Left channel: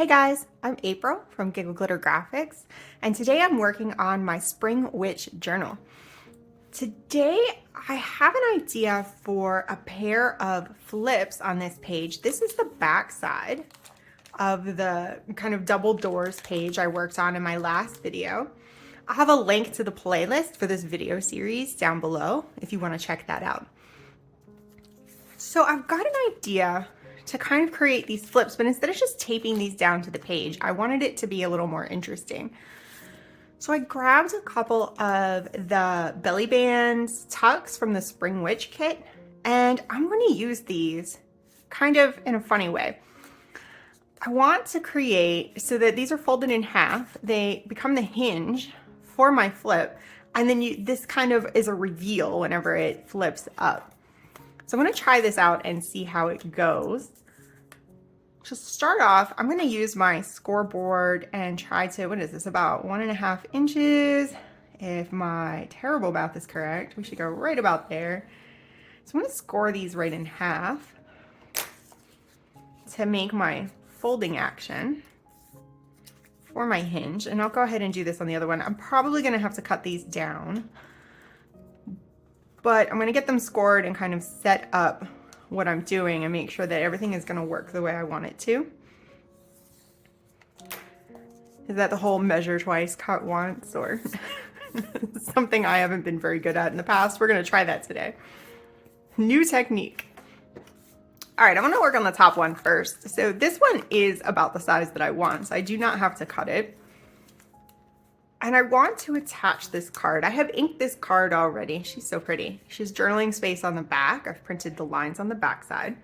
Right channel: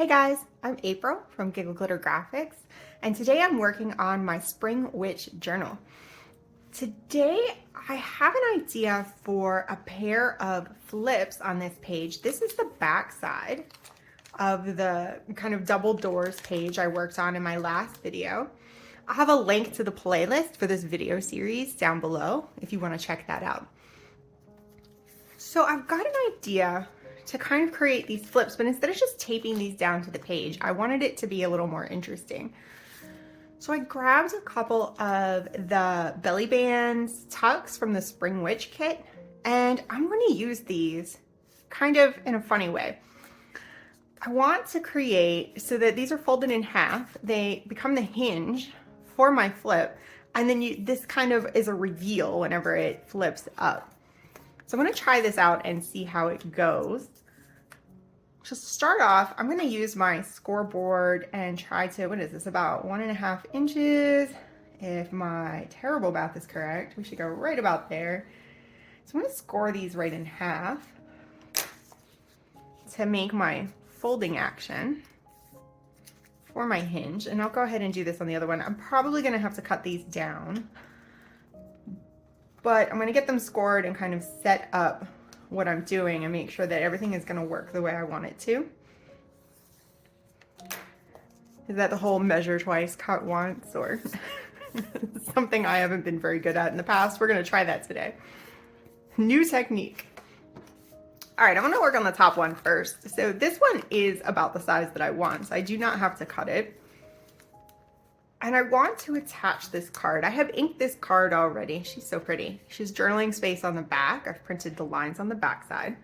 Hey guys, I'm April from Giggle Glitter Graphics, and today I'm working on my Spring Witch journal. Today I have an idea for a pair of flips on this page. This is the back side of the kind of double doors page I worked on in my last video. I have a link to the playlist for this video series down below if you want to check that out. So I've got an idea to kind of create these flips, but instead of just taping these down to the page, I wanted it to be a little more interesting. So I grabbed a couple of the belly bands tucks from the Spring Witch kit, and I'm going to use these kind of in a funny way. I want to create so that these are folded in half. They become the hinge for my flip, and then this kind of is a reveal whenever it flips up. So I'm going to try this out and see how it goes. To start off, I'm going to use my scoreboard and try to, what is this, about 1.5 inches. If my terrible math is correct, we should go right about there. So I'm going to score these right in half to make my folding action for my hinge. And I'll go ahead and do this on the other one. I'm probably going to have to cut these down, but I'm going to get them scored and kind of set up what I'm doing and make sure that everything is going to work the way I want it to. Is that the whole measure twice, cut once, or something I haven't been very good at in the past? We're going to try that today. New technique. All right, I'm going to work on the top one first. So this one is about the size that I want, so I do not have to cut it. And I want to attach this card. I have inked this card already. She's so pretty. She's journaling space on the back. I've printed the lines on the back side.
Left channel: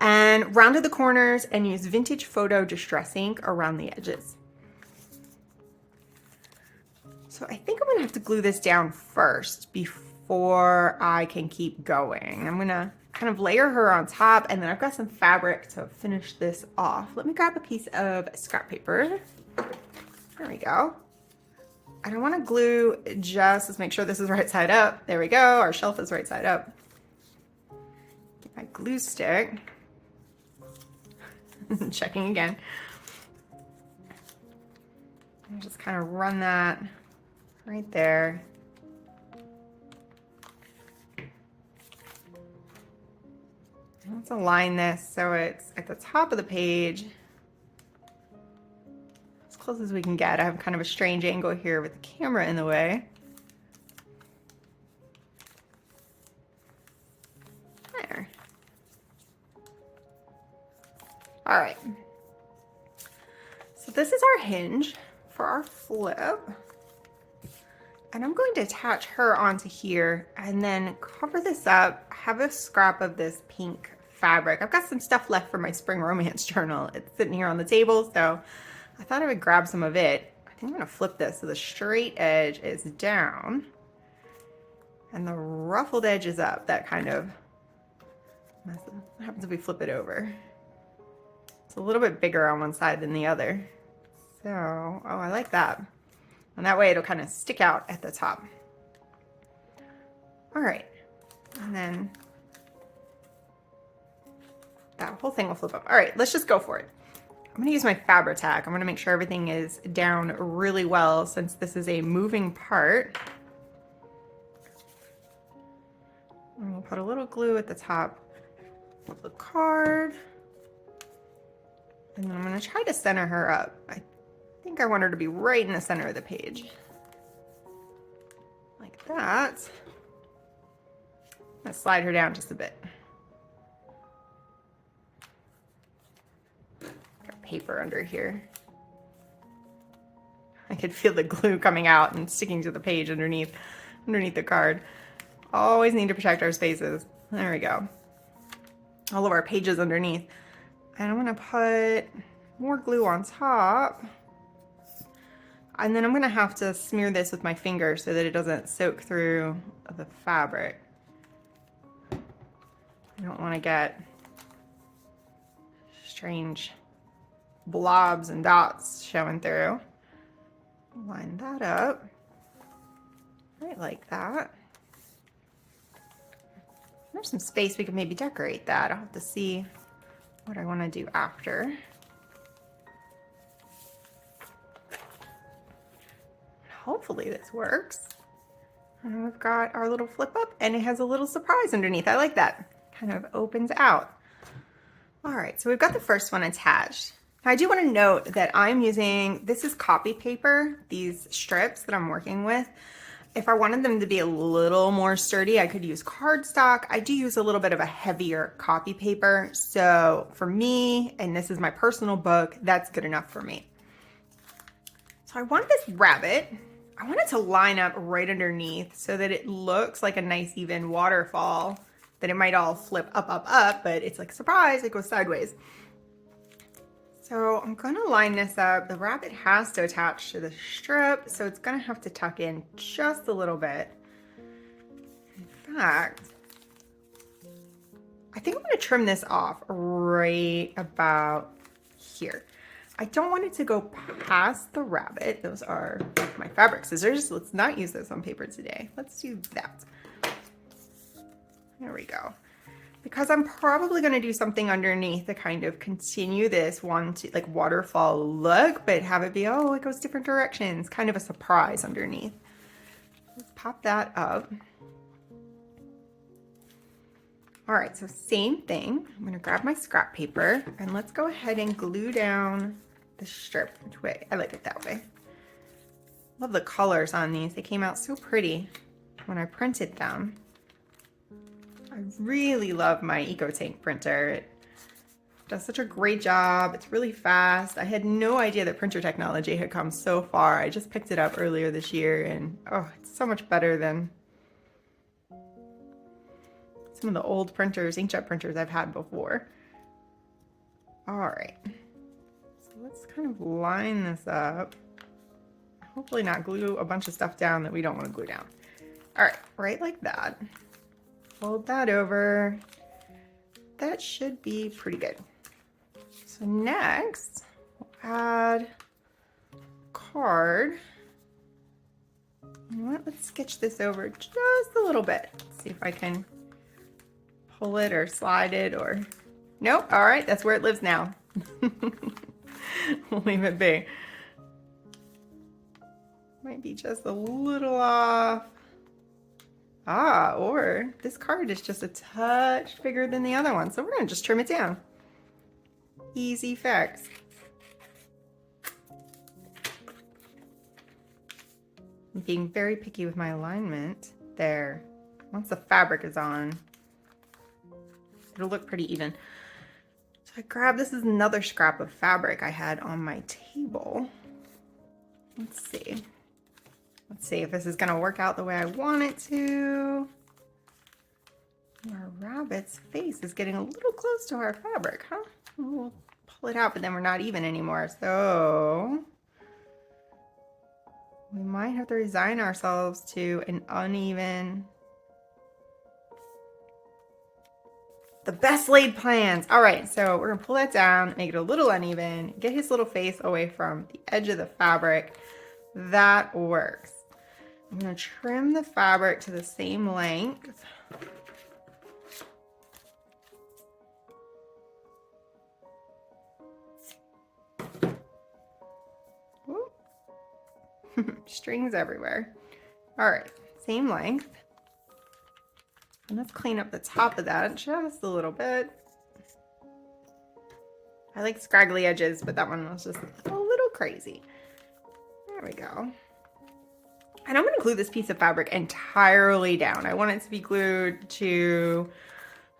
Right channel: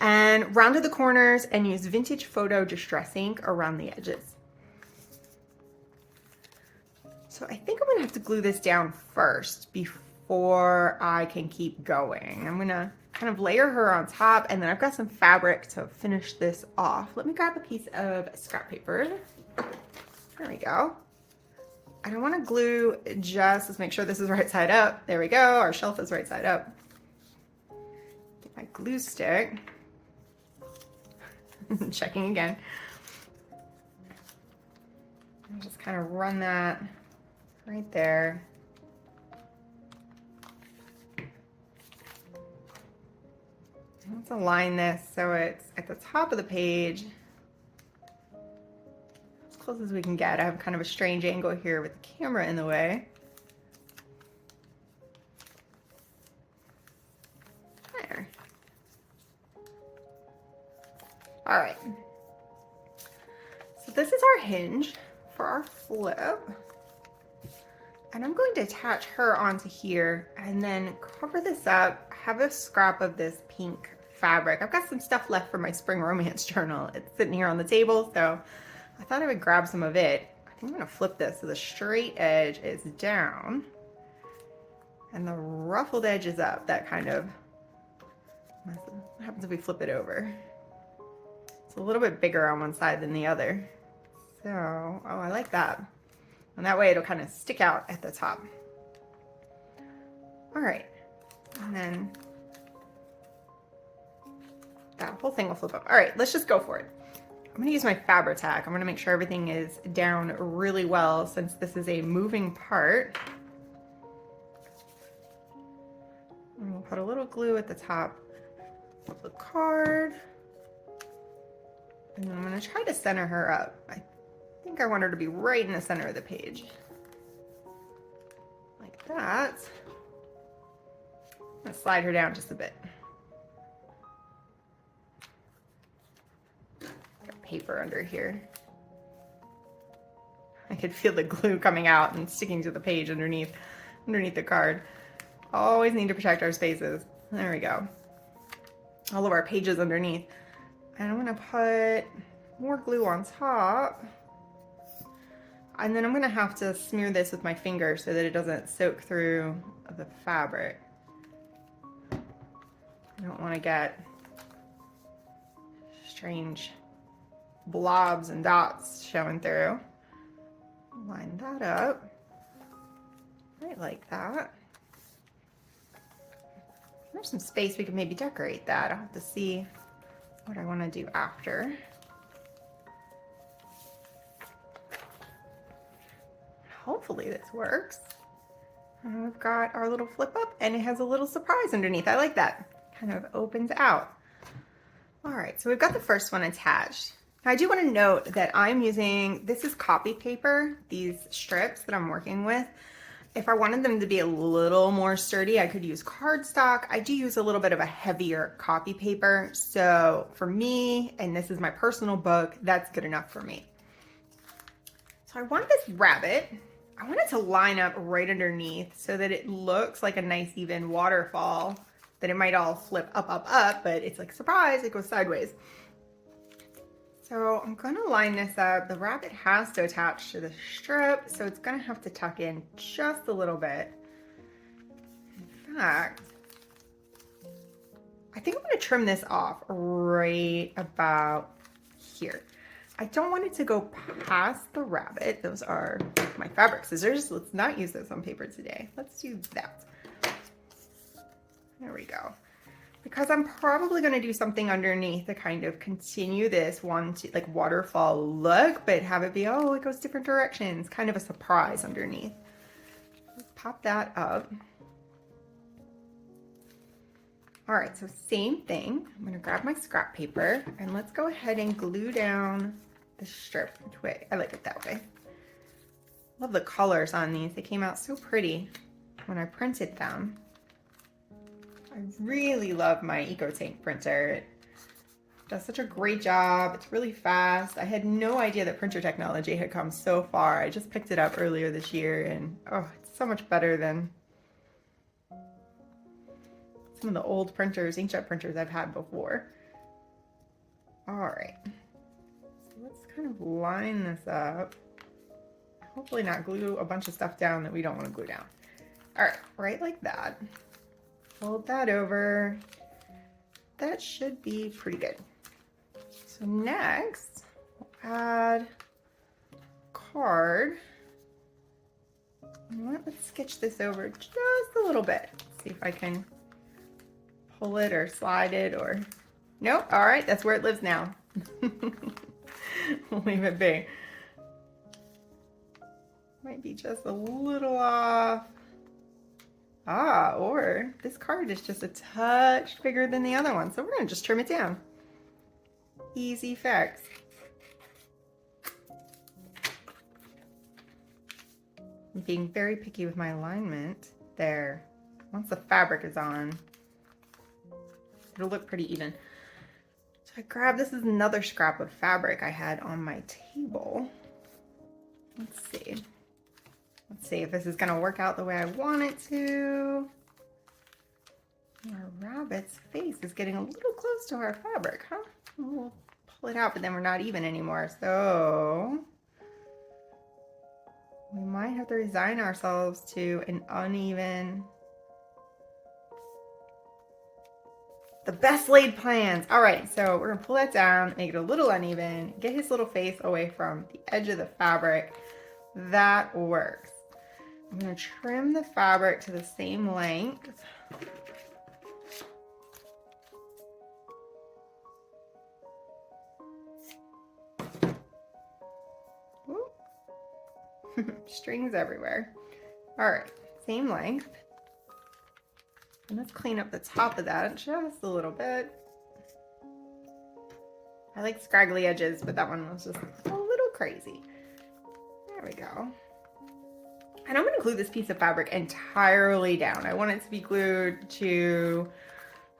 And rounded the corners and used vintage photo distress ink around the edges. So I think I'm gonna have to glue this down first before I can keep going. I'm gonna kind of layer her on top, and then I've got some fabric to finish this off. Let me grab a piece of scrap paper. There we go. And I want to glue just, let's make sure this is right side up. There we go, our shelf is right side up. Get my glue stick. Checking again. And just kind of run that right there. Let's align this so it's at the top of the page. Close as we can get. I have kind of a strange angle here with the camera in the way. There. All right. So this is our hinge for our flip. And I'm going to attach her onto here and then cover this up. I have a scrap of this pink fabric. I've got some stuff left for my spring romance journal. It's sitting here on the table, so I thought I would grab some of it. I think I'm gonna flip this so the straight edge is down and the ruffled edge is up. That kind of, what happens if we flip it over? It's a little bit bigger on one side than the other. So, oh, I like that. And that way it'll kind of stick out at the top. All right, and then that whole thing will flip up. All right, let's just go for it. I'm gonna use my Fabri-Tac. I'm gonna make sure everything is down really well since this is a moving part. And we'll put a little glue at the top of the card. And then I'm gonna try to center her up. I think I want her to be right in the center of the page. Like that. I'm gonna slide her down just a bit. Paper under here. I could feel the glue coming out and sticking to the page underneath the card. Always need to protect our spaces. There we go. All of our pages underneath. And I'm gonna put more glue on top. And then I'm gonna have to smear this with my finger so that it doesn't soak through the fabric. You don't wanna get strange blobs and dots showing through. Line that up right like that. There's some space we can maybe decorate that. I'll have to see what I want to do after. hopefully this works. We've got our little flip up and it has a little surprise underneath. I like that. Kind of opens out. All right, so we've got the first one attached. Now I do want to note that I'm using, this is copy paper, these strips that I'm working with. If I wanted them to be a little more sturdy, I could use cardstock. I do use a little bit of a heavier copy paper. So for me, and this is my personal book, that's good enough for me. So I want this rabbit, I want it to line up right underneath so that it looks like a nice even waterfall. Then it might all flip up, but it's like, surprise, it goes sideways. So I'm gonna line this up. The rabbit has to attach to the strip, so it's gonna have to tuck in just a little bit. In fact, I think I'm gonna trim this off right about here. I don't want it to go past the rabbit. Those are my fabric scissors. Let's not use those on paper today. Let's do that. There we go. Because I'm probably going to do something underneath to kind of continue this like waterfall look, but have it be, oh, it goes different directions. Kind of a surprise underneath. Let's pop that up. All right, so same thing. I'm going to grab my scrap paper and let's go ahead and glue down the strip. Which way? I like it that way. Love the colors on these. They came out so pretty when I printed them. I really love my EcoTank printer. It does such a great job. It's really fast. I had no idea that printer technology had come so far. I just picked it up earlier this year and oh, it's so much better than some of the old printers, inkjet printers I've had before. All right, so let's kind of line this up. Hopefully not glue a bunch of stuff down that we don't want to glue down. All right, right like that. Fold that over. That should be pretty good. So next, we'll add card. Let's sketch this over just a little bit. Let's see if I can pull it or slide it or... Nope, all right, that's where it lives now. We'll leave it be. Might be just a little off. Ah, or this card is just a touch bigger than the other one, so we're gonna just trim it down. Easy fix. I'm being very picky with my alignment there. Once the fabric is on, it'll look pretty even. So I grabbed, this is another scrap of fabric I had on my table. Let's see. Let's see if this is gonna work out the way I want it to. Our rabbit's face is getting a little close to our fabric, huh? We'll pull it out, but then we're not even anymore. So we might have to resign ourselves to an uneven. The best laid plans. All right, so we're gonna pull that down, make it a little uneven, get his little face away from the edge of the fabric. That works. I'm going to trim the fabric to the same length. Strings everywhere. All right, same length. And let's clean up the top of that just a little bit. I like scraggly edges, but that one was just a little crazy. There we go. And I'm going to glue this piece of fabric entirely down. I want it to be glued to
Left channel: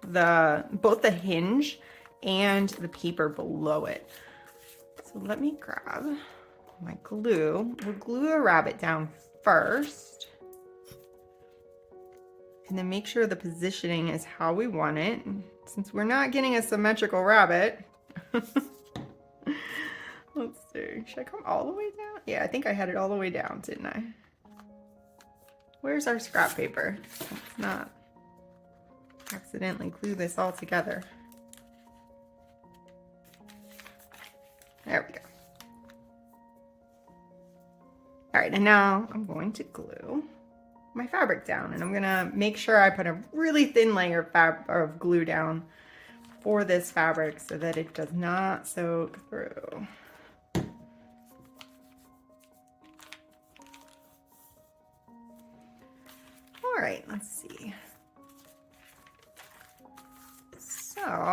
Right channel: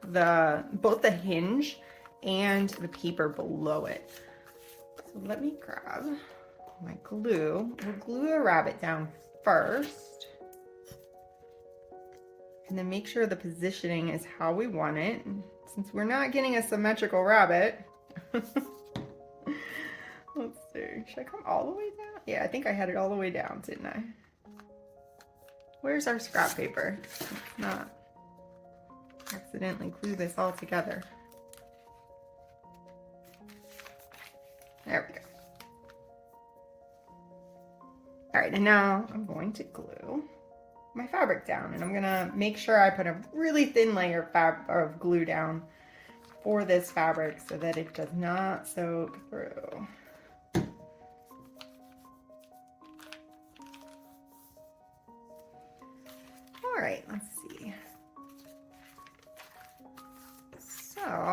both the hinge and the paper below it. So let me grab my glue. We'll glue a rabbit down first. And then make sure the positioning is how we want it. Since we're not getting a symmetrical rabbit. Let's see. Should I come all the way down? Yeah, I think I had it all the way down, didn't I? Where's our scrap paper? Let's not accidentally glue this all together. There we go. All right, and now I'm going to glue my fabric down, and I'm gonna make sure I put a really thin layer of glue down for this fabric so that it does not soak through.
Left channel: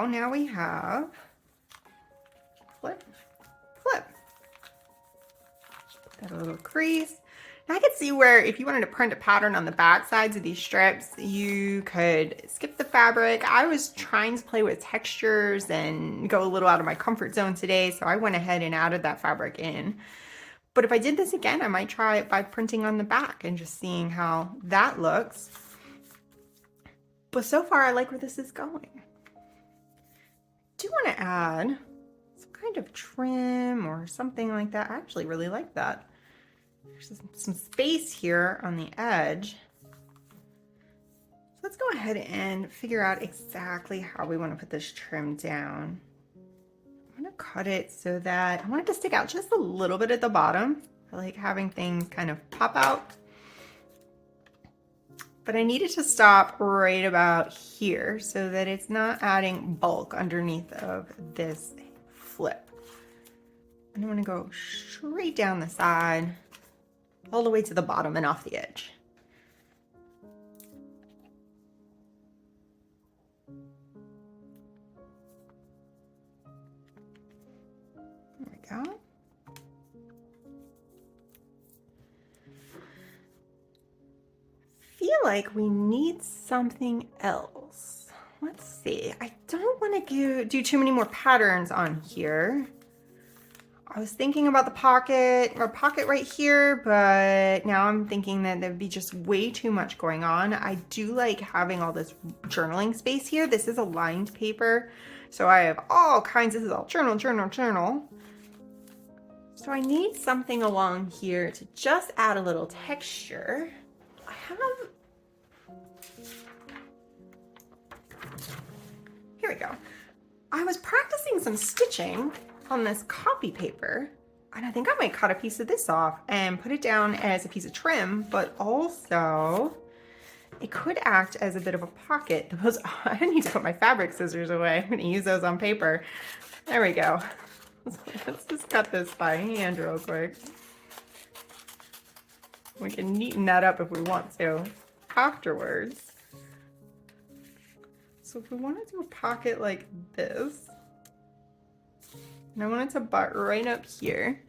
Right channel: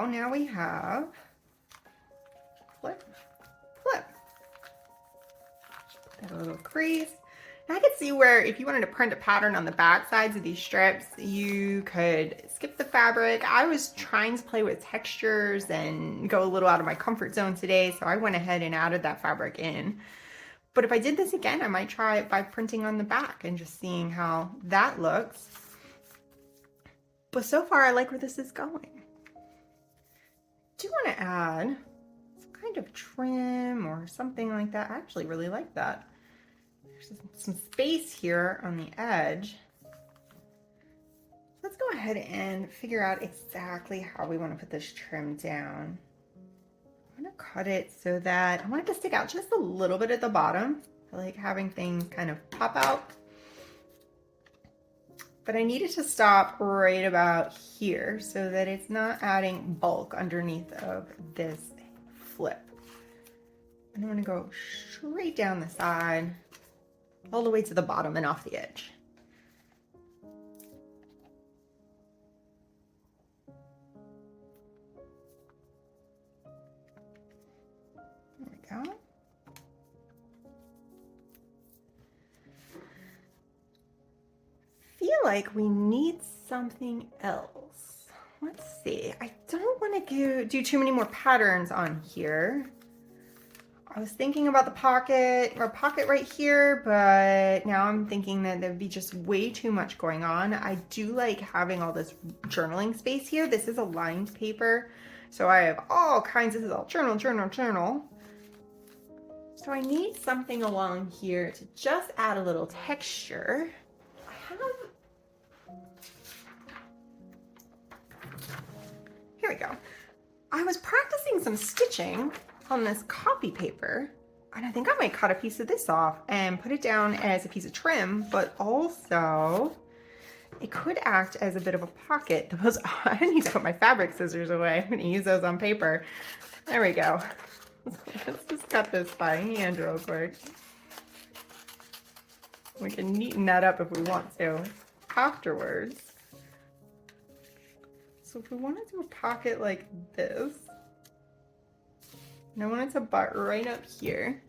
now we have flip, flip. Got a little crease. Now I could see where if you wanted to print a pattern on the back sides of these strips, you could skip the fabric. I was trying to play with textures and go a little out of my comfort zone today, so I went ahead and added that fabric in. But if I did this again, I might try it by printing on the back and just seeing how that looks. But so far, I like where this is going. I do want to add some kind of trim or something like that. I actually really like that. There's some space here on the edge. So let's go ahead and figure out exactly how we want to put this trim down. I'm going to cut it so that I want it to stick out just a little bit at the bottom. I like having things kind of pop out. But I need it to stop right about here so that it's not adding bulk underneath of this flip. And I want to go straight down the side, all the way to the bottom and off the edge. There we go. Feel like we need something else. Let's see. I don't want to do too many more patterns on here. I was thinking about the pocket or pocket right here, but now I'm thinking that there'd be just way too much going on. I do like having all this journaling space here. This is a lined paper, so I have all kinds of, this is all journal, journal, journal. So I need something along here to just add a little texture. Here we go. I was practicing some stitching on this copy paper, and I think I might cut a piece of this off and put it down as a piece of trim, but also it could act as a bit of a pocket. I need to put my fabric scissors away. I'm going to use those on paper. There we go. Let's just cut this by hand real quick. We can neaten that up if we want to afterwards. So if we want to do a pocket like this, and I want it to butt right up here.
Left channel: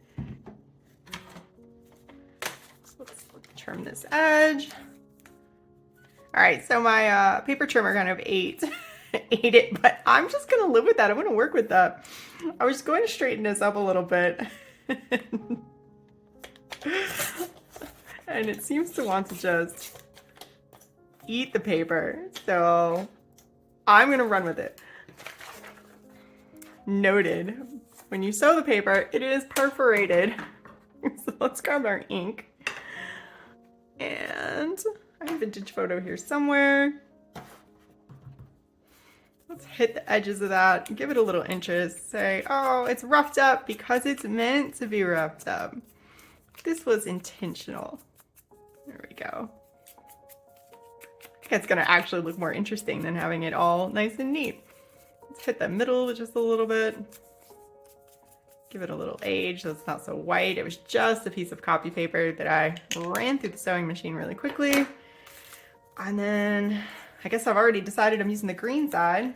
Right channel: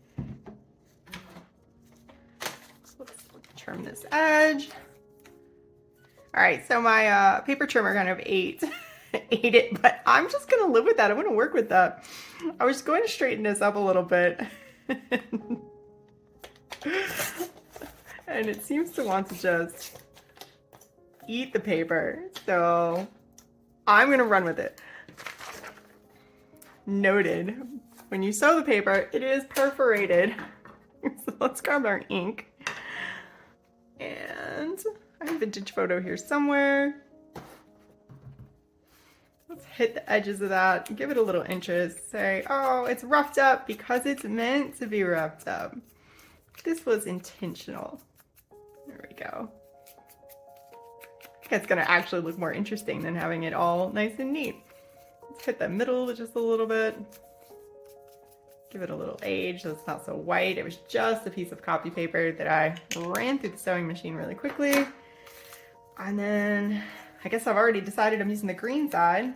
So let's trim this edge. All right, so my paper trimmer kind of ate it, but I'm just gonna live with that. I'm gonna work with that. I was going to straighten this up a little bit. And it seems to want to just eat the paper. So I'm gonna run with it. Noted. When you sew the paper, it is perforated. So let's grab our ink. And I have a vintage photo here somewhere. Let's hit the edges of that, give it a little interest. Say, oh, it's roughed up because it's meant to be roughed up. This was intentional. There we go. I think it's gonna actually look more interesting than having it all nice and neat. Let's hit the middle just a little bit. Give it a little age so it's not so white. It was just a piece of copy paper that I ran through the sewing machine really quickly. And then I guess I've already decided I'm using the green side.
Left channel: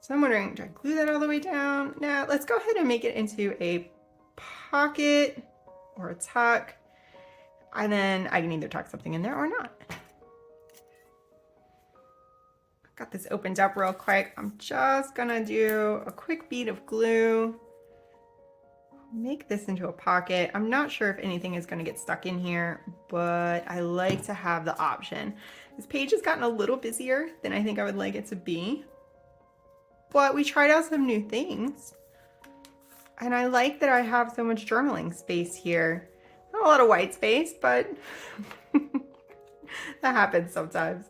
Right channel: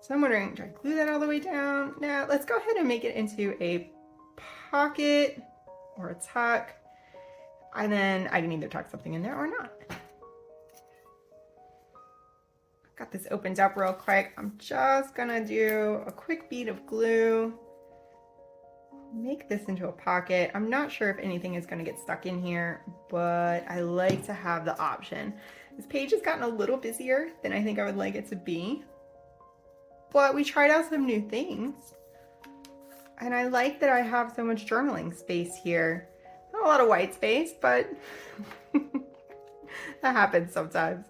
So I'm wondering, do I glue that all the way down? Now let's go ahead and make it into a pocket or a tuck. And then I can either tuck something in there or not. Got this opened up real quick. I'm just gonna do a quick bead of glue. Make this into a pocket. I'm not sure if anything is gonna get stuck in here, but I like to have the option. This page has gotten a little busier than I think I would like it to be, but we tried out some new things. And I like that I have so much journaling space here. Not a lot of white space, but that happens sometimes.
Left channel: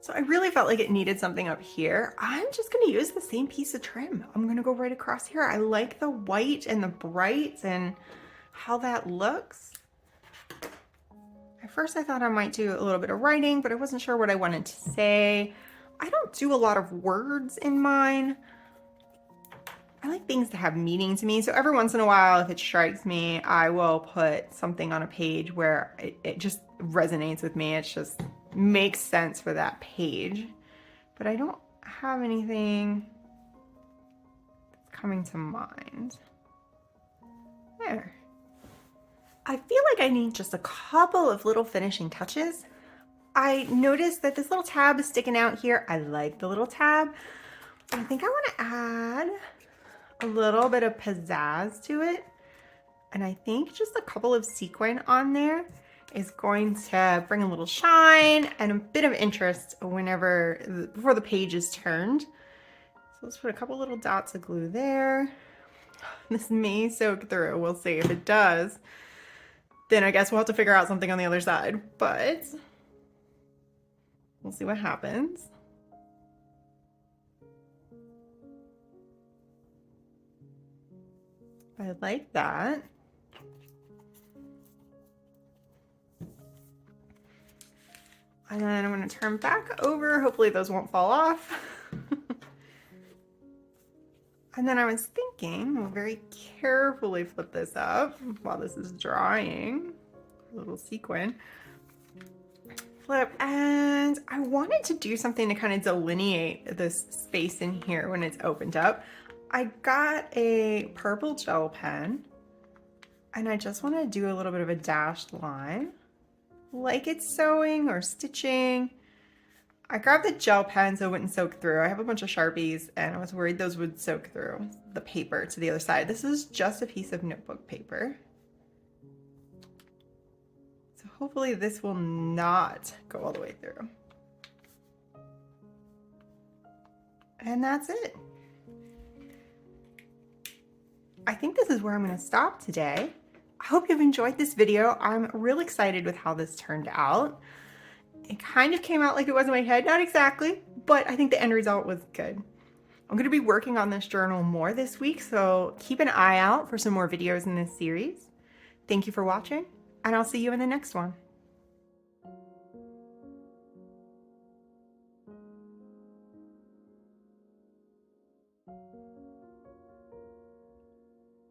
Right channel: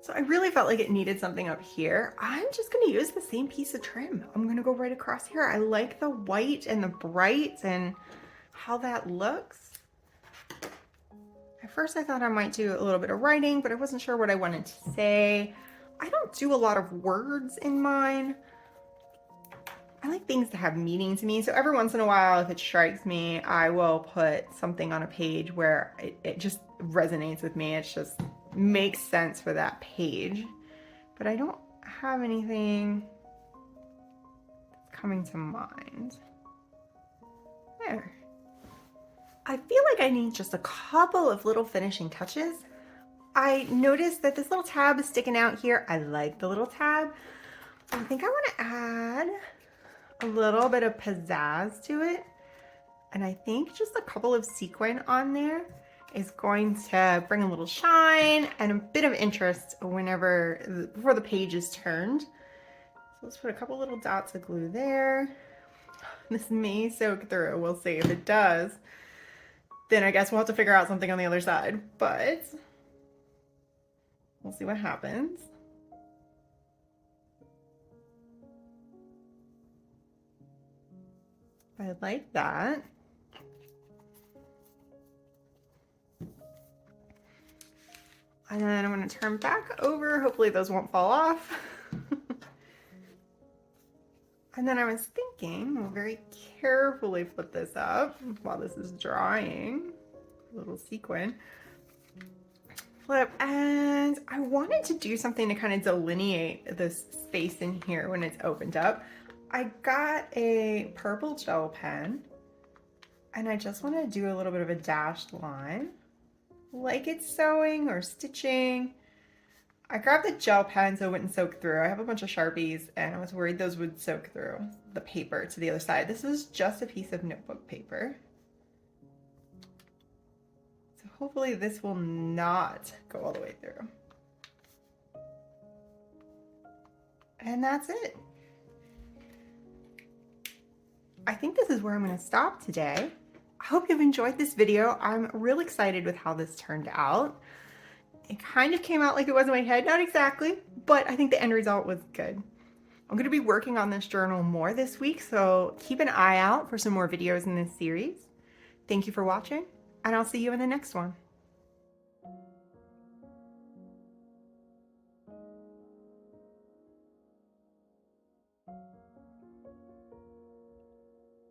So I really felt like it needed something up here. I'm just gonna use the same piece of trim. I'm gonna go right across here. I like the white and the bright and how that looks. At first I thought I might do a little bit of writing, but I wasn't sure what I wanted to say. I don't do a lot of words in mine. I like things to have meaning to me. So every once in a while, if it strikes me, I will put something on a page where it just resonates with me. It's just makes sense for that page, but I don't have anything that's coming to mind. There. I feel like I need just a couple of little finishing touches. I noticed that this little tab is sticking out here. I like the little tab. I think I want to add a little bit of pizzazz to it. And I think just a couple of sequin on there is going to bring a little shine and a bit of interest before the page is turned. So let's put a couple little dots of glue there. This may soak through. We'll see. If it does, then I guess we'll have to figure out something on the other side, but we'll see what happens. I like that. And then I'm going to turn back over. Hopefully those won't fall off. And then I was thinking, we'll very carefully put this up while this is drying. A little sequin. Flip, and I wanted to do something to kind of delineate this space in here when it's opened up. I got a purple gel pen, and I just want to do a little bit of a dashed line, like it's sewing or stitching. I grabbed the gel pen so it wouldn't soak through. I have a bunch of Sharpies, and I was worried those would soak through the paper to the other side. This is just a piece of notebook paper. So hopefully this will not go all the way through. And that's it. I think this is where I'm going to stop today. I hope you've enjoyed this video. I'm real excited with how this turned out. It kind of came out like it was in my head, not exactly, but I think the end result was good. I'm going to be working on this journal more this week, so keep an eye out for some more videos in this series. Thank you for watching, and I'll see you in the next one.